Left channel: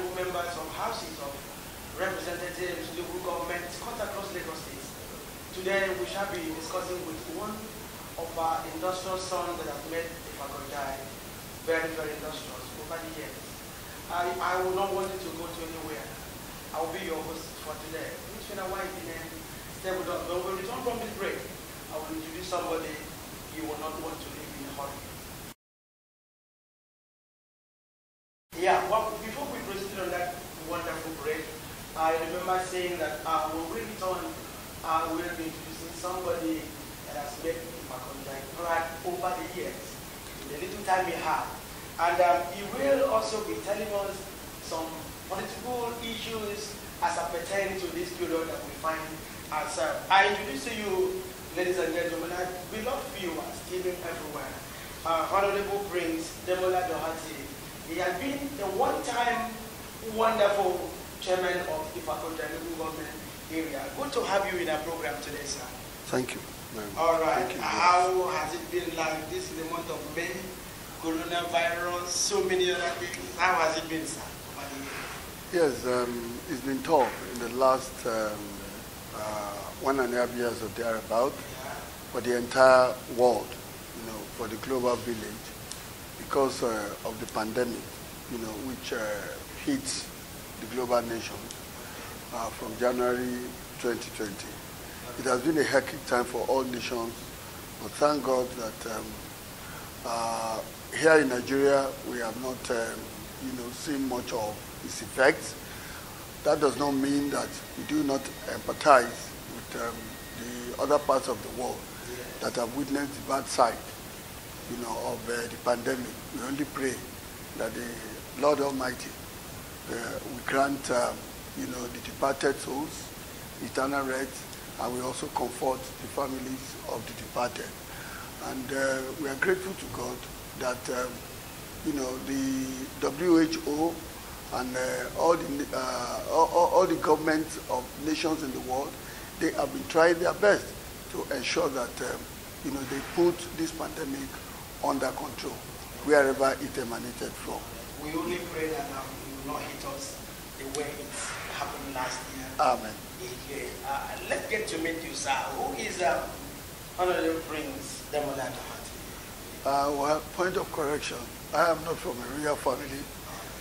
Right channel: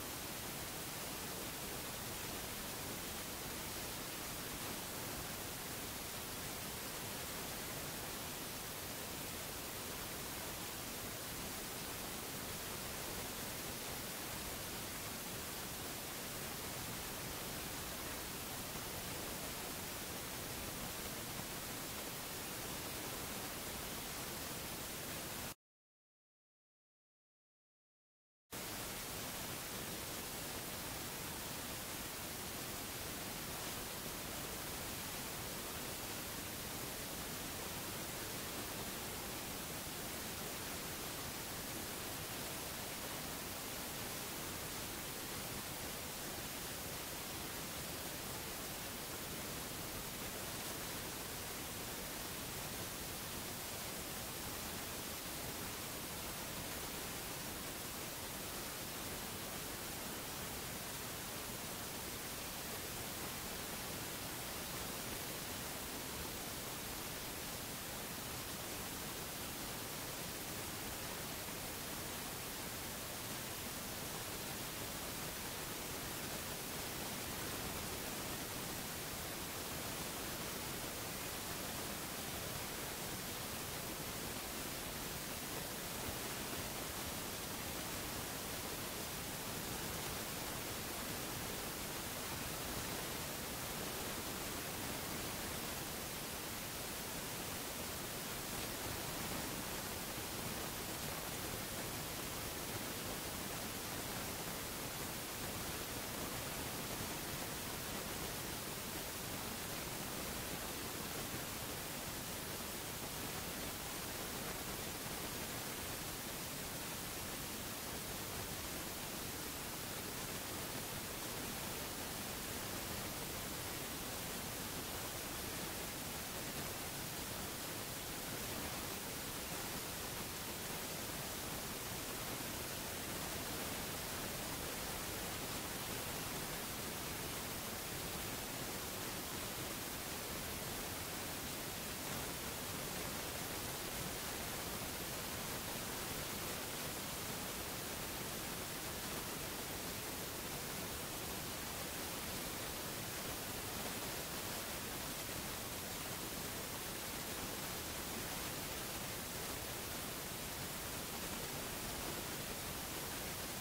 honorable members from houses of representatives, local governments, cut across Lagos State. Today we shall be discussing with one of our industrial sons that have made the faculty very, very industrious over the years. I will not want you to go to anywhere. I will be your host for today. Which in a while, stay with us. But when we return from this break, I will introduce somebody you will not want to leave in hot. Yeah, well, before we proceed on that wonderful break, I remember saying that when we return, we will be introducing somebody that has made Makonda cry over the years, in the little time he had. And he will also be telling us some political issues as pertain to this period that we find ourselves. I introduce to you, ladies and gentlemen, our beloved viewers, even everywhere, Honorable Prince Demola Dorherty. He has been a one-time wonderful chairman of the faculty local government area. Good to have you in our program today, sir. Thank you. All right. How has it been like this in the month of May? Coronavirus, so many other things. How has it been, sir? Yes, it's been tough in the last 1.5 years or thereabout for the entire world, for the global village, because of the pandemic, which hits the global nations from January 2020. It has been a hectic time for all nations, but thank God that here in Nigeria, we have not, seen much of its effects. That does not mean that we do not empathize with the other parts of the world that have witnessed the bad side, of the pandemic. We only pray that the Lord Almighty will grant, the departed souls eternal rest, and we also comfort the families of the departed. And we are grateful to God that the WHO and all the governments of nations in the world, they have been trying their best to ensure that they put this pandemic under control wherever it emanated from. We only pray that now it will not hit us the way it happened last year. Amen. Let's get to meet you, sir. Who is Honorable Prince Demola Dorherty? Well, point of correction, I am not from a royal family,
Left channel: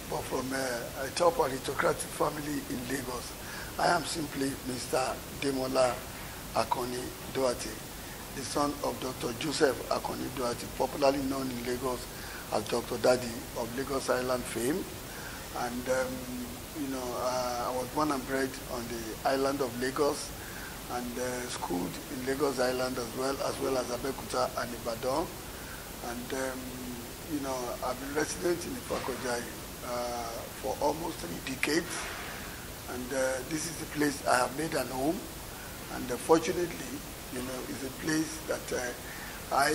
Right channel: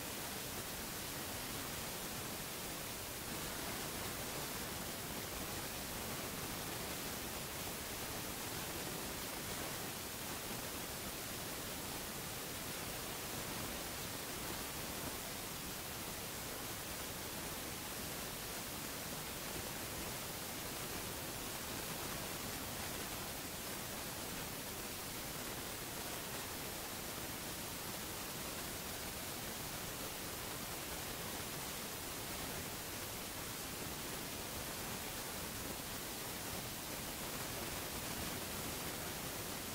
but from a top aristocratic family in Lagos. I am simply Mr. Demola Akoni Dorherty, the son of Dr. Joseph Akoni Dorherty, popularly known in Lagos as Dr. Daddy of Lagos Island fame. And, I was born and bred on the island of Lagos and schooled in Lagos Island as well as Abeokuta and Ibadan. And, I've been resident in the faculty for almost 3 decades. And this is the place I have made an home. And fortunately, it's a place that I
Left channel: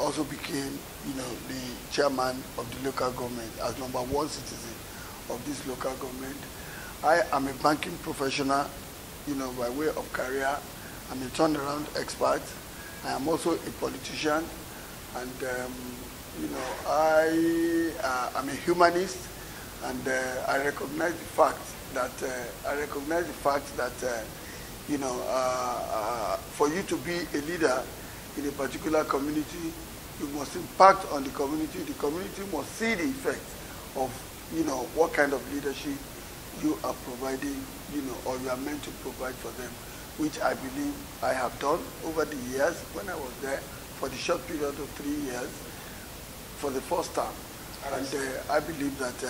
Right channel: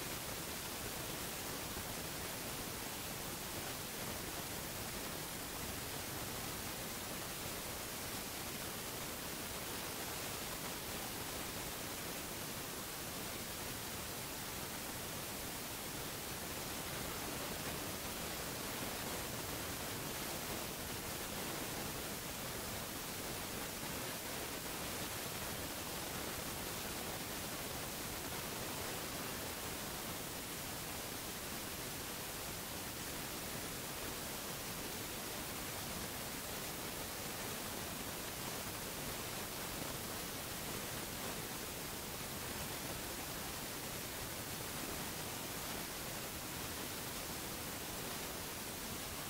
also became, the chairman of the local government as #1 citizen of this local government. I am a banking professional, by way of career. I'm a turnaround expert. I am also a politician. And, I am a humanist, and I recognize the fact that, for you to be a leader in a particular community, you must impact on the community. The community must see the effect of, what kind of leadership you are providing, or you are meant to provide for them, which I believe I have done over the years when I was there for the short period of 3 years for the first time. And I believe that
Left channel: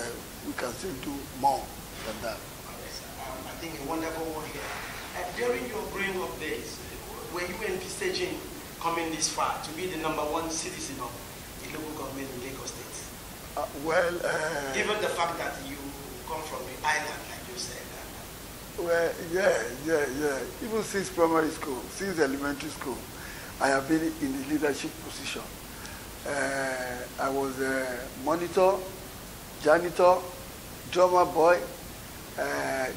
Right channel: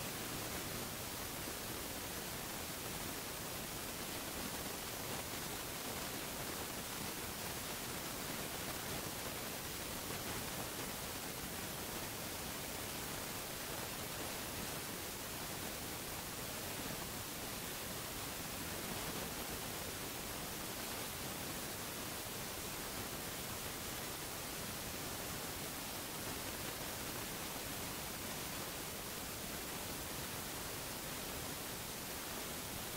we can still do more than that. I think a wonderful one here. During your growing up days, were you envisaging coming this far to be the #1 citizen of the local government in Lagos State? Given the fact that you come from the island, like you said. Well, yeah. Even since primary school, since elementary school, I have been in the leadership position. I was a monitor, janitor, drummer boy,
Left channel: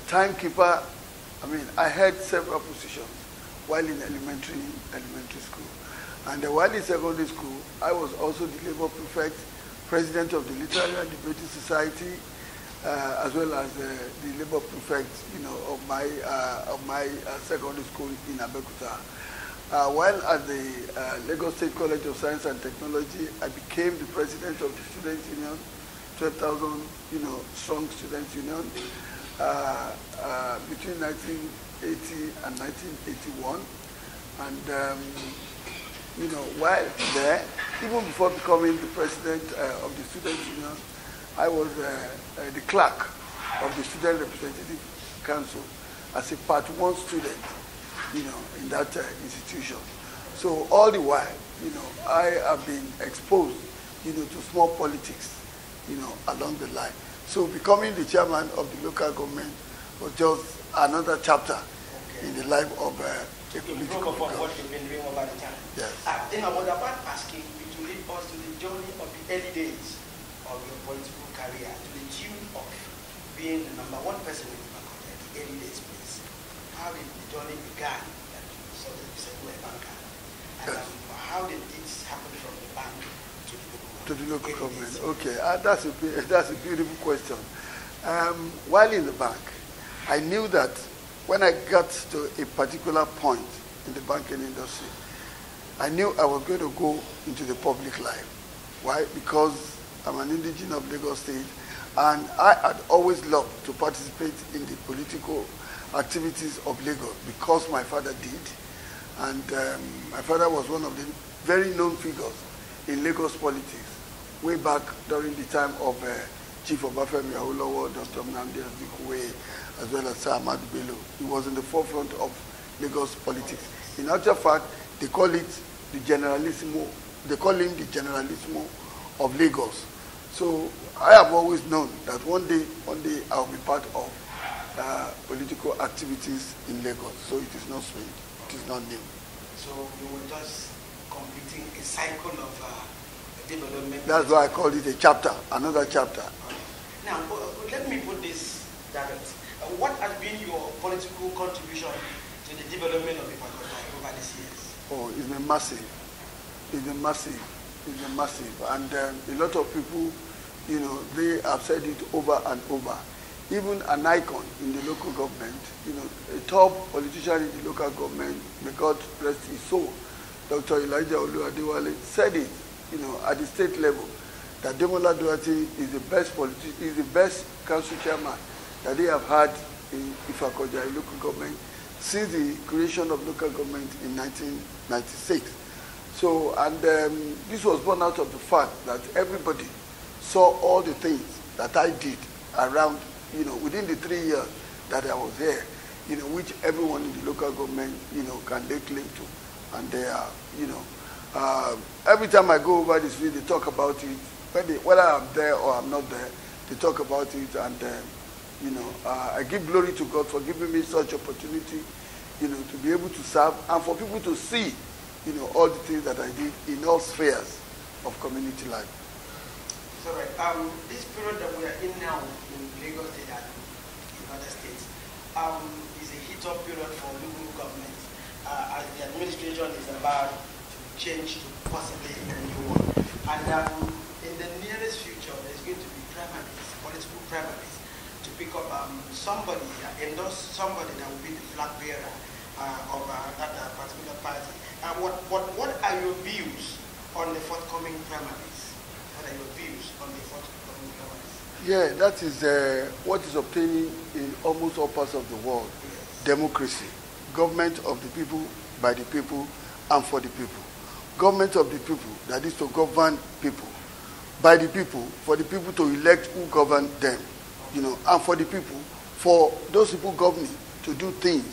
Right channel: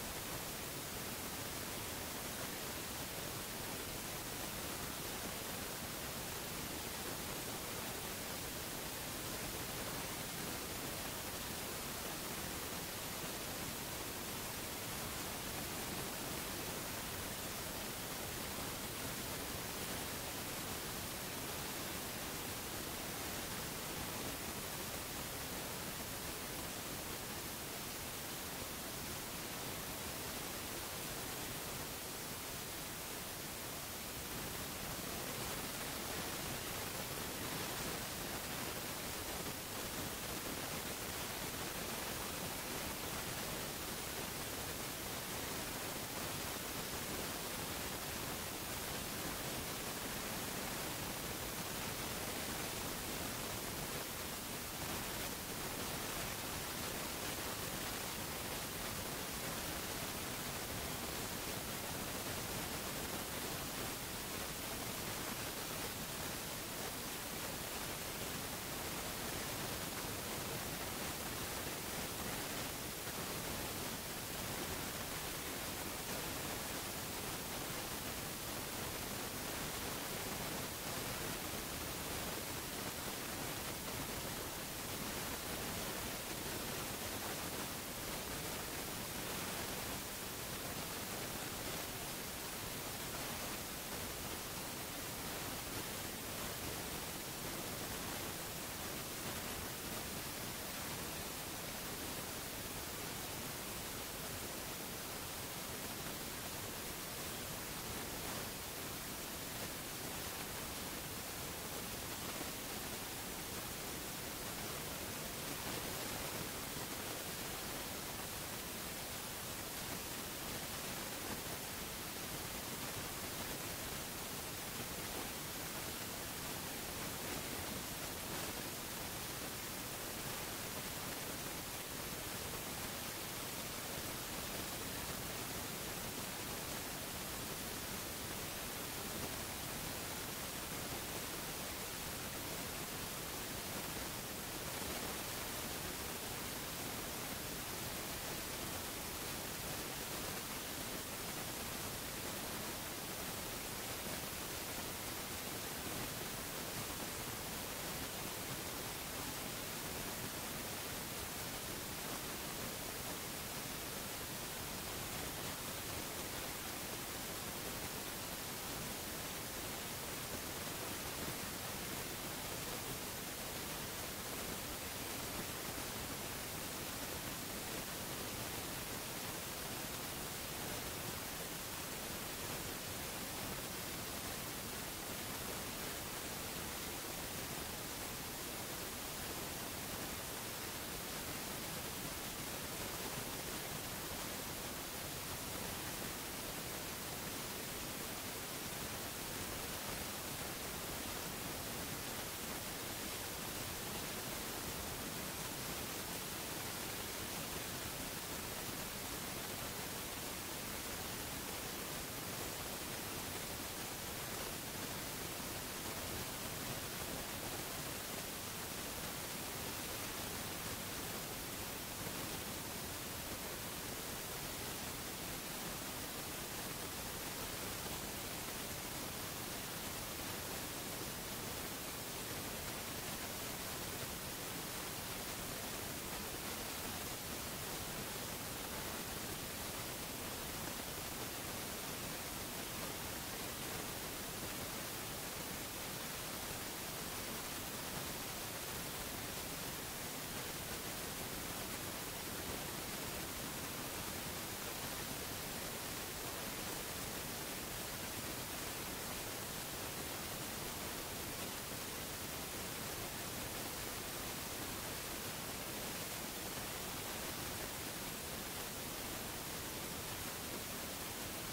timekeeper. I had several positions while in elementary school. And while in secondary school, I was also the labor prefect, president of the Literary and Debating Society, as well as the labor prefect, of my secondary school in Abeokuta. While at the Lagos State College of Science and Technology, I became the president of the Students' Union, 12,000, strong Students' Union, between 1980 and 1981. And, while there, even before becoming the president of the Students' Union, I was the clerk of the Student Representative Council as a Part 1 student, in that institution. So all the while, I have been exposed, to small politics, along the line. So becoming the chairman of the local government was just another chapter in the life of a political what you've been doing over the time. Yes. Then I was about asking you to lead us to the journey of the early days of your political career, to the tune of being the #1 person in the early days, please. How did the journey began? So you said you were a banker. And how did it happen from the bank to the local government? Okay, that's a beautiful question. While in the bank, I knew that when I got to a particular point in the banking industry, I knew I was going to go into the public life. Why? Because I'm an indigenous of Lagos State, and I had always loved to participate in the political activities of Lagos because my father did. And my father was one of the very known figures in Lagos politics way back during the time of Chief Obafemi Awolowo, Dr. Nnamdi Azikiwe, as well as Sir Ahmadu Bello. He was in the forefront of Lagos politics. In actual fact, they call it the Generalissimo. They call him the Generalissimo of Lagos. So I have always known that one day I'll be part of political activities in Lagos. So it is not strange. It is not new. So you were just completing a cycle of development. That's why I called it a chapter, another chapter. Now, let me put this direct. What has been your political contribution to the development of the Faculty over these years? Oh, it's been massive. It's been massive. It's been massive. And a lot of people, they have said it over and over. Even an icon in the local government, a top politician in the local government, may God rest his soul, Dr. Elijah Oluwadewale, said it, at the state level, that Demola Dorherty is the best politician, is the best council chairman that they have had in Ifakoja local government since the creation of local government in 1996. So, and this was born out of the fact that everybody saw all the things that I did around, within the 3 years that I was there, which everyone in the local government, can lay claim to. And they are, every time I go over the street, they talk about it. Whether I'm there or I'm not there, they talk about it. And, I give glory to God for giving me such opportunity, to be able to serve and for people to see, all the things that I did in all spheres of community life. So, this period that we are in now in Lagos State and United States is a hit-up period for local government as the administration is about to change possibly a new one. And in the nearest future, there's going to be primaries, political primaries, to pick up somebody, endorse somebody that will be the flag bearer of that particular party. What are your views on the forthcoming primaries? What are your views on the forthcoming primaries? Yeah, that is what is obtaining in almost all parts of the world. Yes. Democracy. Government of the people, by the people, and for the people. Government of the people, that is to govern people. By the people, for the people to elect who govern them. And for the people, for those people governing to do things,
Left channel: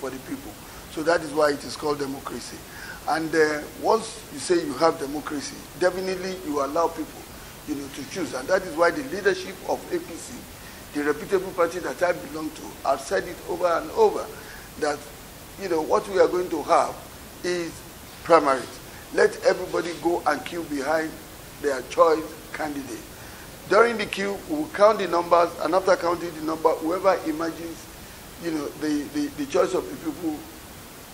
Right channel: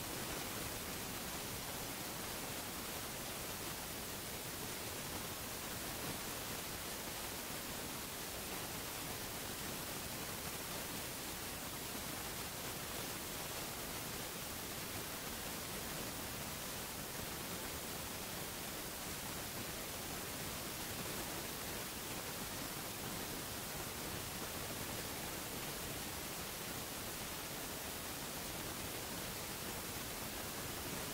for the people. So that is why it is called democracy. And once you say you have democracy, definitely you allow people, to choose. And that is why the leadership of APC, the reputable party that I belong to, have said it over and over, that, what we are going to have is primaries. Let everybody go and queue behind their choice candidate. During the queue, we will count the numbers, and after counting the number, whoever emerges, the choice of the people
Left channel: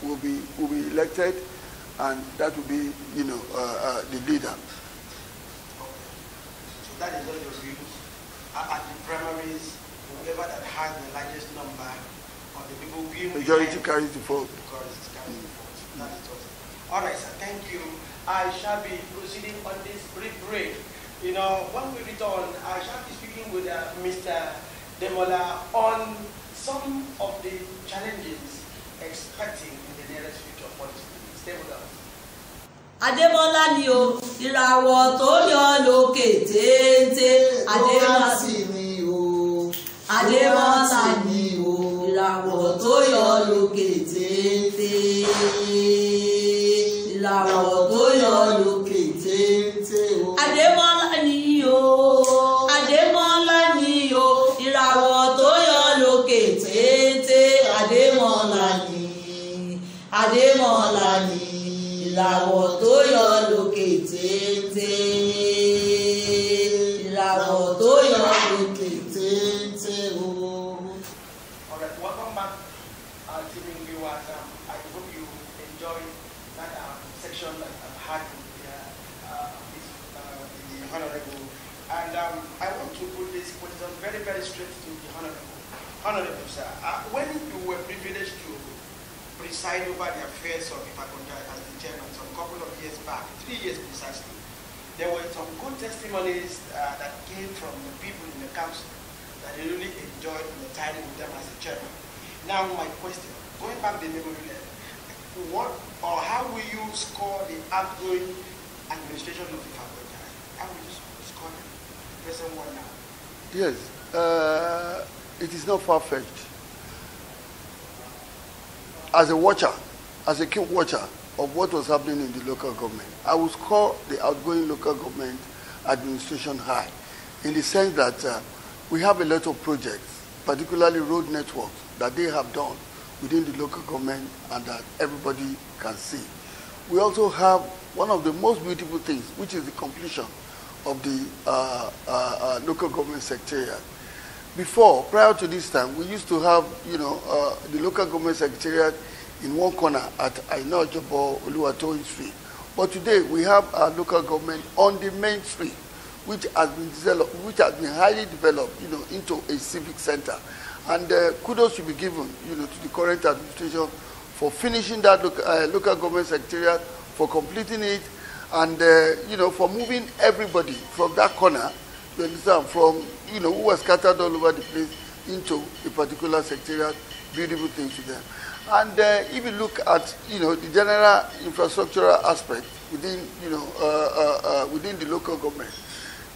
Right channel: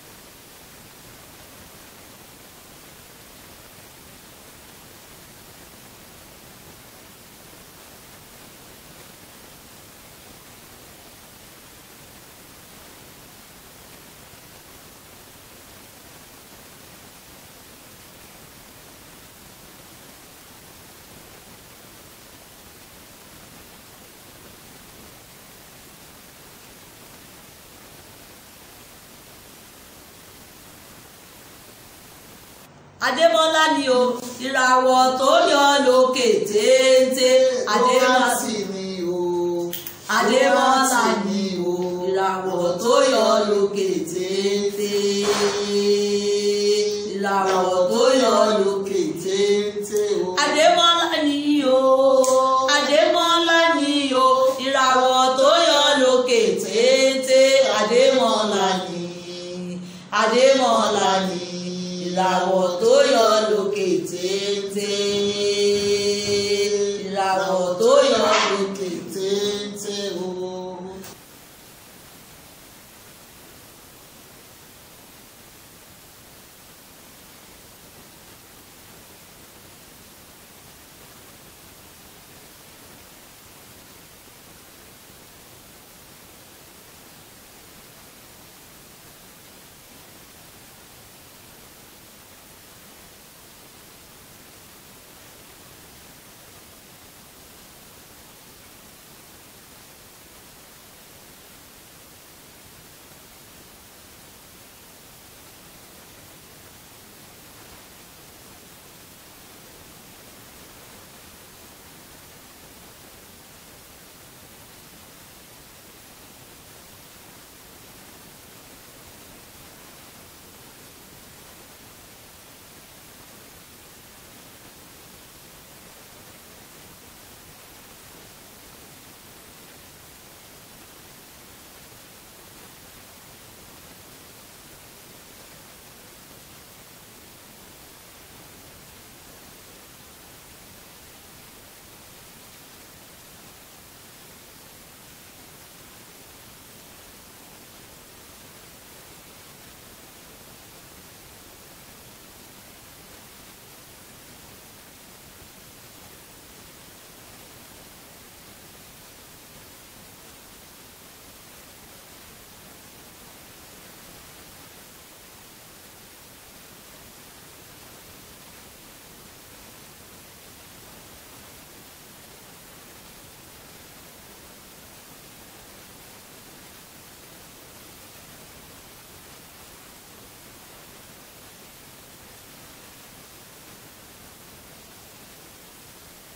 will be elected, and that will be, the leader. So that is what your views at the primary has the largest number of the people we majority carries the vote. That is all. All right, sir. Thank you. I shall be proceeding on this brief break. You know, when we return, I shall be speaking with Mr. Demola on some of the challenges expecting in the nearest future policy. Stay with us. Adémọ́lá ni o, ìràwọ̀ tó yọ lókè téńté. Adémọ́lá sì ni o. Adémọ́lá ni o, ìràwọ̀ tó yọ lókè téńté. Ìràwọ̀ tó yọ lókè téńté o. Adémọ́lá ni o. Adémọ́lá ni o, ìràwọ̀ tó yọ lókè téńté. Adémọ́lá ni. Adémọ́lá ni. Ìràwọ̀ tó yọ lókè téńté. Ìràwọ̀ tó yọ lókè téńté o. All right, welcome back, TV viewers. I hope you enjoyed that section that I've had with the Honorable. And I want to put this question very, very straight to the Honorable. Honorable, sir, when you were privileged to preside over the affairs of Ipakonja as the chairman some couple of years back, 3 years precisely, there were some good testimonies that came from the people in the council that they really enjoyed the time with them as the chairman. Now my question, going back to the memory lane, what or how will you score the outgoing administration of Ipakonja? How will you score them? Present one now. Yes, it is not far-fetched. As a watcher, as a keen watcher of what was happening in the local government, I would score the outgoing local government administration high, in the sense that we have a lot of projects, particularly road networks, that they have done within the local government and that everybody can see. We also have one of the most beautiful things, which is the completion of the local government secretariat. Before, prior to this time, we used to have, the local government secretariat in one corner at Ainojobo Oluwatoyin Street. But today, we have our local government on the main street, which has been developed, which has been highly developed, into a civic center. And kudos should be given, to the current administration for finishing that local government secretariat, for completing it, and for moving everybody from that corner, you understand, from who was scattered all over the place into a particular secretariat, beautiful things to them. And if you look at the general infrastructural aspect within within the local government,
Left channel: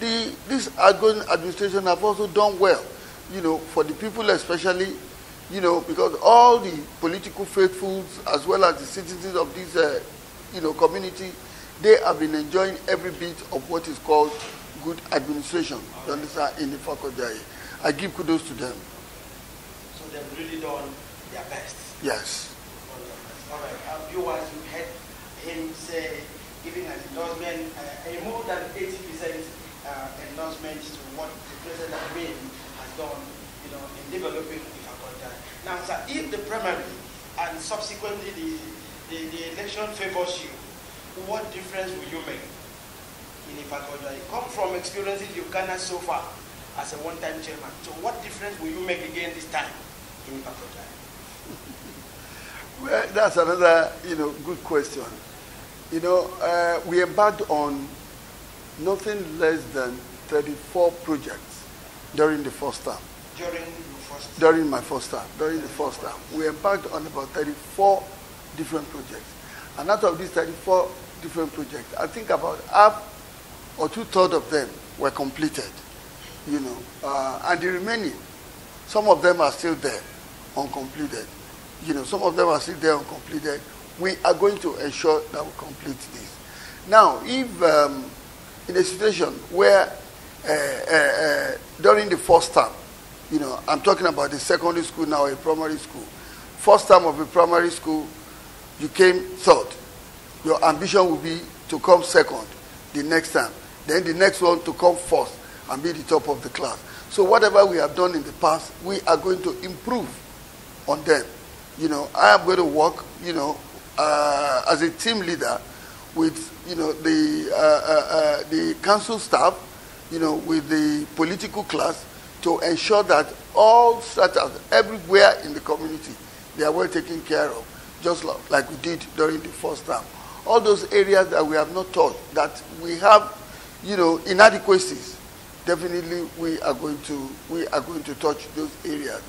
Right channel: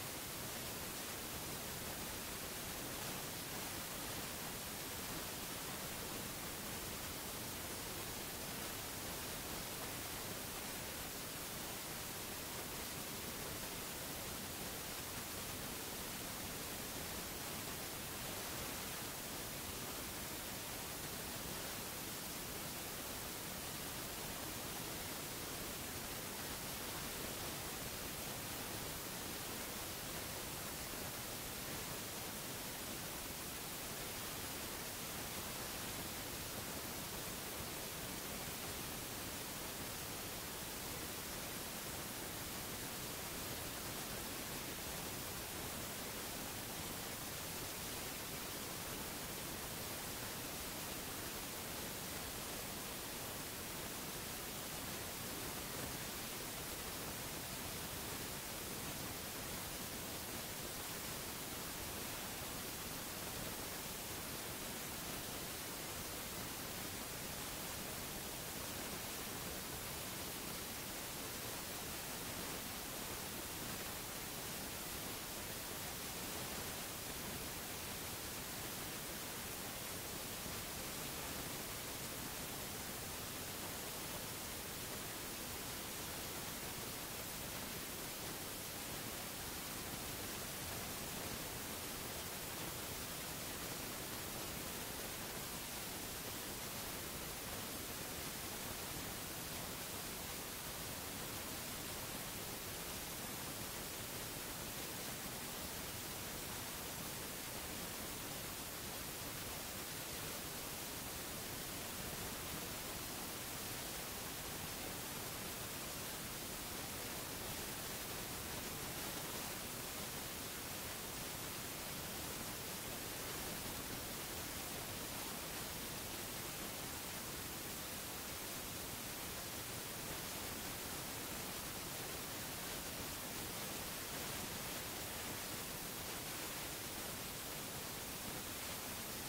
this outgoing administration have also done well, for the people especially, because all the political faithfuls as well as the citizens of this community, they have been enjoying every bit of what is called good administration, you understand, in the Ipakonja. I give kudos to them. So they've really done their best. Yes. All right. Viewers, you heard him say, giving an endorsement, a more than 80% endorsement to what the President has done, in developing the Ipakonja. Now, sir, if the primary and subsequently the election favors you, what difference will you make in Ipakonja? You come from experiences you've garnered so far as a one-time chairman. So what difference will you make again this time in Ipakonja? Well, that's another, good question. We embarked on nothing less than 34 projects during the first term. During my first term. During the first term. We embarked on about 34 different projects. And out of these 34 different projects, I think about half or 2/3 of them were completed, and the remaining, some of them are still there, uncompleted. Some of them are still there uncompleted. We are going to ensure that we complete this. Now, if in a situation where during the first term, I'm talking about the secondary school now, a primary school, first term of a primary school, you came third. Your ambition will be to come second the next time. Then the next one to come first and be the top of the class. So whatever we have done in the past, we are going to improve on them. I am going to work, as a team leader with, the council staff, with the political class, to ensure that all strata everywhere in the community, they are well taken care of, just like we did during the first term. All those areas that we have not touched, that we have, inadequacies, definitely we are going to touch those areas.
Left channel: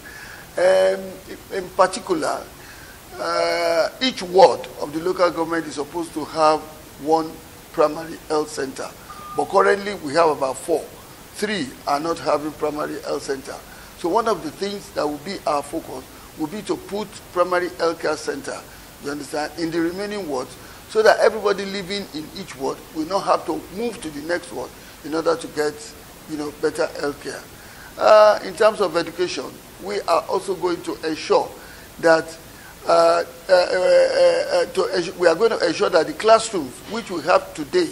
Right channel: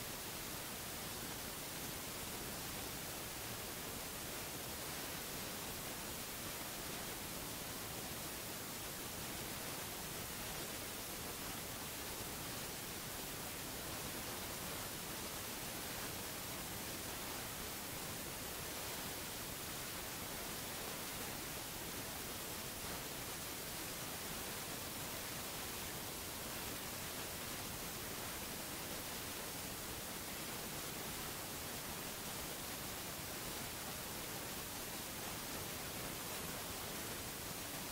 In particular, each ward of the local government is supposed to have one primary health center, but currently we have about 4. 3 are not having primary health center. So one of the things that will be our focus will be to put primary health care center, you understand, in the remaining wards, so that everybody living in each ward will not have to move to the next ward in order to get, better health care. In terms of education, we are also going to ensure that we are going to ensure that the classrooms which we have today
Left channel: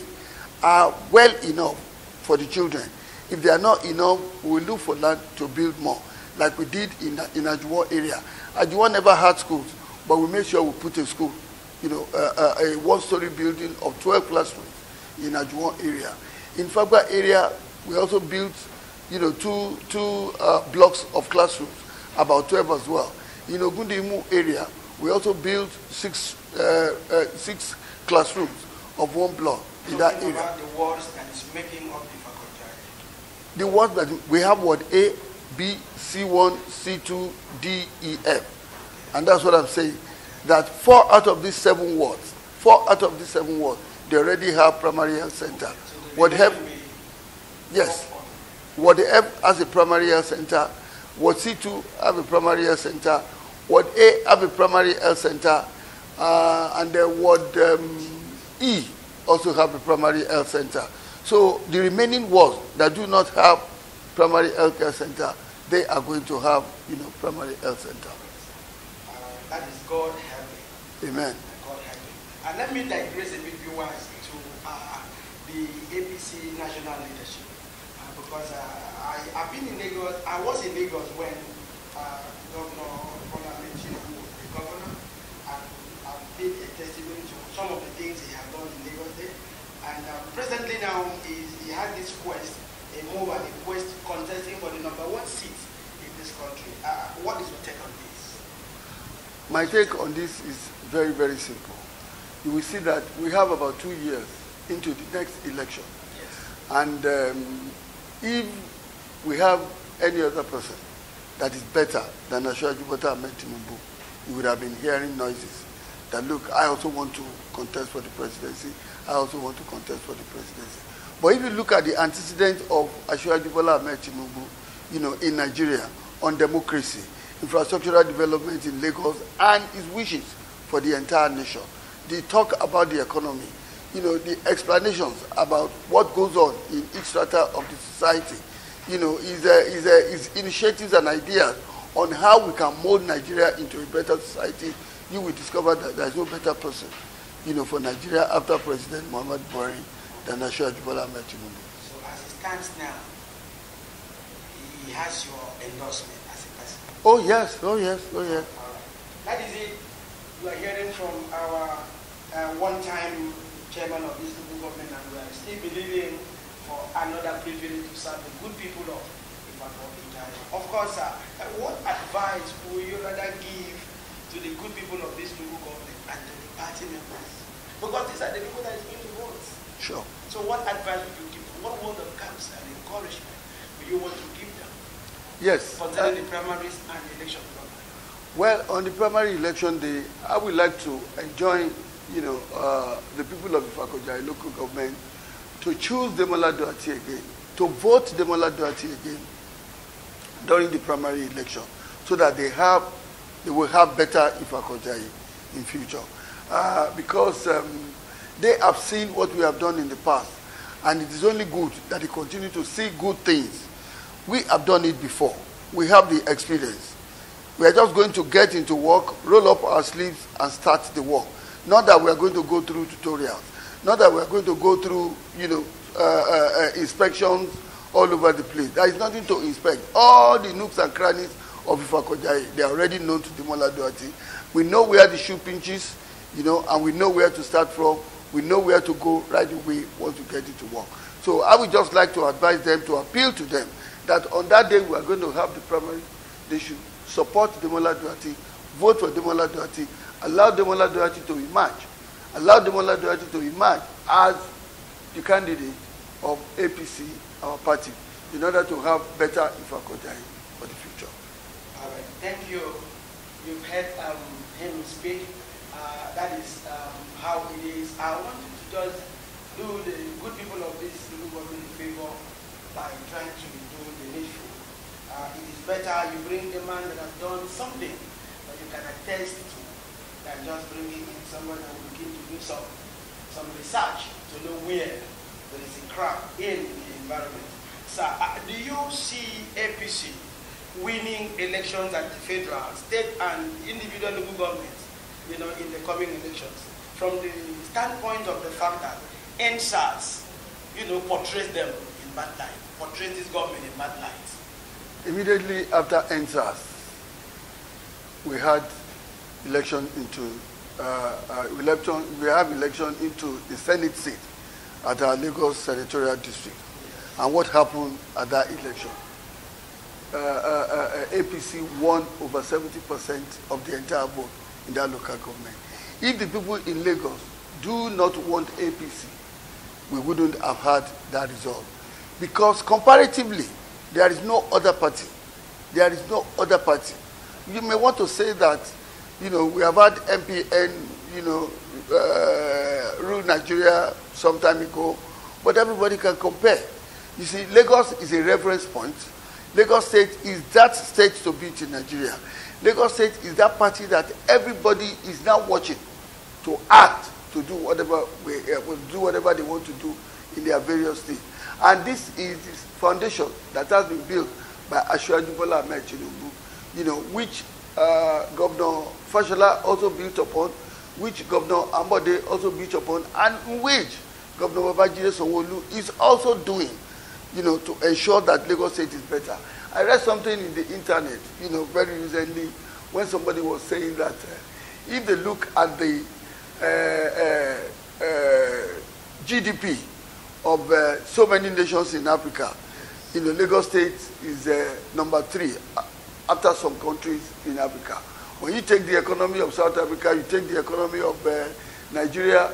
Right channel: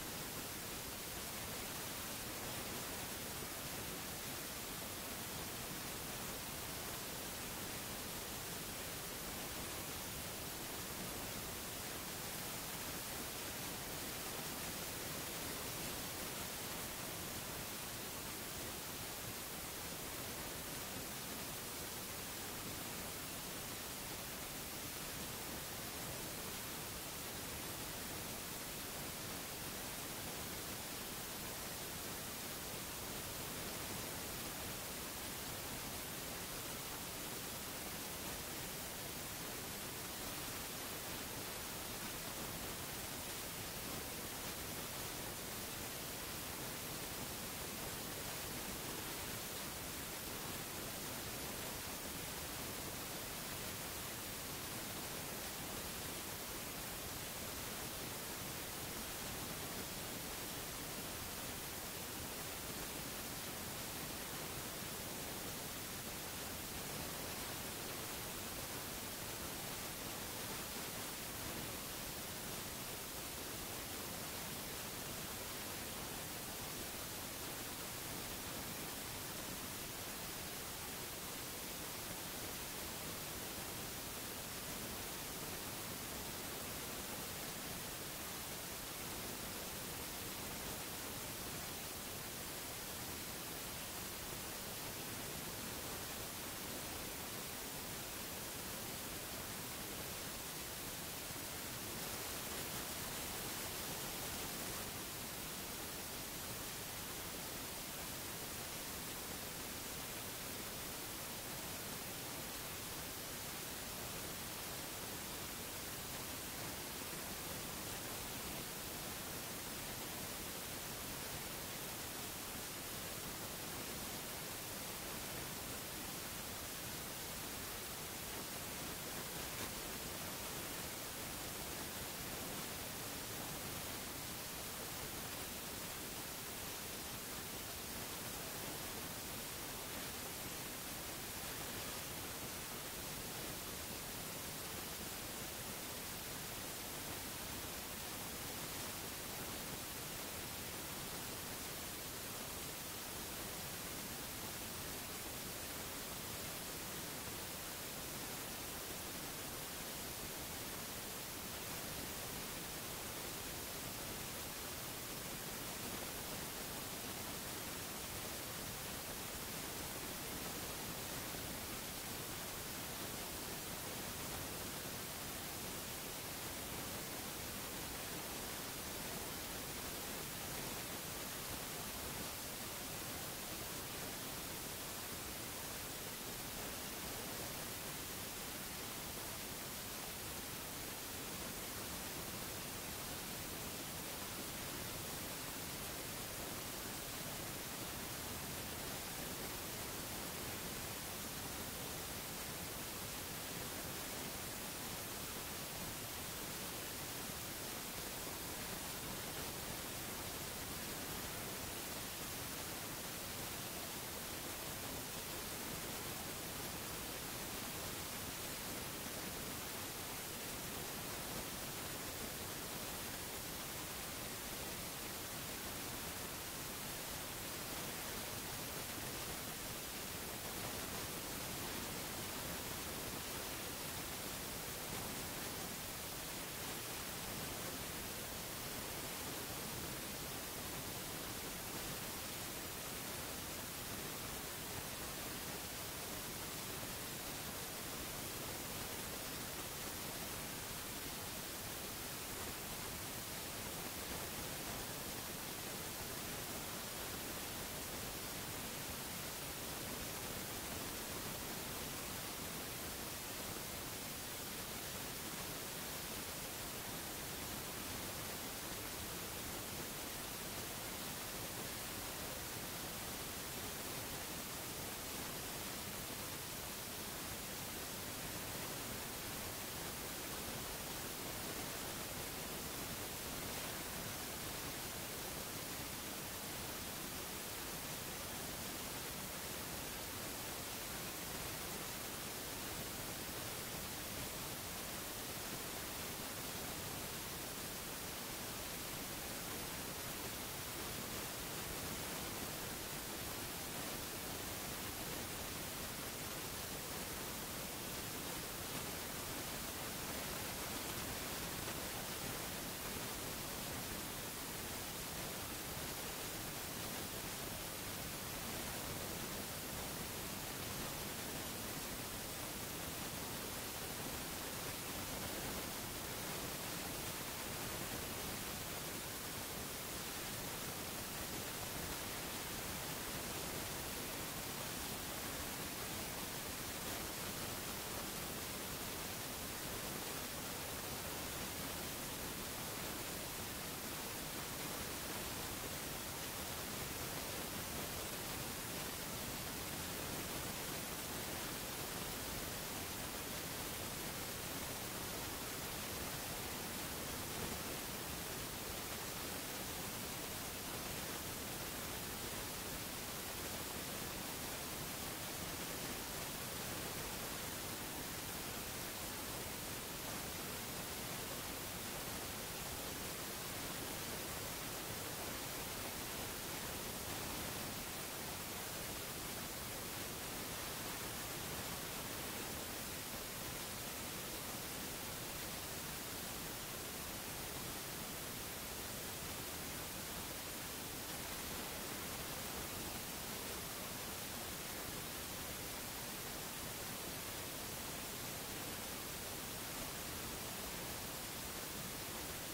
are well enough for the children. If they are not enough, we will look for land to build more, like we did in Ajuwon area. Ajuwon never had schools, but we made sure we put a school, a one-story building of 12 classrooms in Ajuwon area. In Fagba area, we also built, two blocks of classrooms, about 12 as well. In Ogundimu area, we also built 6 classrooms of 1 block in that area. About the wards that is making up the wards that we have, ward A, B, C1, C2, D, E, F. And that's what I'm saying. That 4 out of these 7 wards, they already have primary health center. Ward F, yes. Ward F has a primary health center. Ward C2 have a primary health center. Ward A have a primary health center. And then Ward E also have a primary health center. So the remaining wards that do not have primary health care center, they are going to have, primary health center. That is God helping. Amen. God helping. And let me digress a bit viewers to the APC national leadership. Because I've been in Lagos. I was in Lagos when Governor Demola was the governor. I've made a testimony to some of the things he has done in Lagos State. And presently now, he had this quest, a move and a quest contesting for the #1 seat in this country. What is your take on this? My take on this is very, very simple. You will see that we have about 2 years into the next election. Yes. And if we have any other person that is better than Asiwaju Bola Ahmed Tinubu, we would have been hearing noises that, look, I also want to contest for the presidency. I also want to contest for the presidency. But if you look at the antecedents of Asiwaju Bola Ahmed Tinubu, in Nigeria, on democracy, infrastructural development in Lagos, and his wishes for the entire nation, the talk about the economy, the explanations about what goes on in each strata of the society, his initiatives and ideas on how we can mold Nigeria into a better society, you will discover that there is no better person, for Nigeria after President Muhammad Buhari than Asiwaju Bola Ahmed Tinubu. So as it stands now, he has your endorsement as a person. Oh yes, oh yes, oh yes. That is it. You are hearing from our one-time chairman of this local government, and we are still believing for another privilege to serve the good people of Ifakoja. Of course, what advice would you rather give to the good people of this local government and to the party members? Because these are the people that is going to vote. Sure. So what advice would you give? What word of counsel and encouragement would you want to give them? Yes. Concerning the primaries and the election. Well, on the primary election day, I would like to enjoin, the people of Ifakoja local government to choose Demola Dorherty again, to vote Demola Dorherty again during the primary election, so that they will have better Ifakoja in future. Because they have seen what we have done in the past, and it is only good that they continue to see good things. We have done it before. We have the experience. We are just going to get into work, roll up our sleeves, and start the work. Not that we are going to go through tutorials. Not that we are going to go through, inspections all over the place. There is nothing to inspect. All the nooks and crannies of Ifakoja, they are already known to Demola Dorherty. We know where the shoe pinches, and we know where to start from. We know where to go right away once we get into work. So I would just like to advise them, to appeal to them, that on that day we are going to have the primary, they should support Demola Dorherty, vote for Demola Dorherty, allow Demola Dorherty to emerge, allow Demola Dorherty to emerge as the candidate of APC, our party, in order to have better Ifakojayi for the future. All right, thank you. You've heard him speak. That is how it is. I want you to just do the good people of this local government a favor by trying to do the issue. It is better you bring a man that has done something that you can attest to than just bringing in someone that will begin to do some research to know where there is a crack in the environment. So, do you see APC winning elections at the federal, state, and individual local governments, in the coming elections, from the standpoint of the fact that NSAS, portrays them in bad light, portrays this government in bad light? Immediately after NSAS, we had election into we have election into the Senate seat at our Lagos Senatorial District. And what happened at that election? APC won over 70% of the entire vote in that local government. If the people in Lagos do not want APC, we wouldn't have had that result. Because comparatively, there is no other party. There is no other party. You may want to say that, we have had MPN, rule Nigeria some time ago, but everybody can compare. You see, Lagos is a reference point. Lagos State is that state to beat in Nigeria. Lagos State is that party that everybody is now watching to act, to do whatever they want to do in their various states. And this is this foundation that has been built by Demola, which Governor Fashola also built upon, which Governor Ambode also built upon, and which Governor Babajide Sanwo-Olu is also doing, to ensure that Lagos State is better. I read something in the internet, very recently, when somebody was saying that if they look at the GDP of so many nations in Africa, Lagos State is number 3 after some countries in Africa. When you take the economy of South Africa, you take the economy of Nigeria,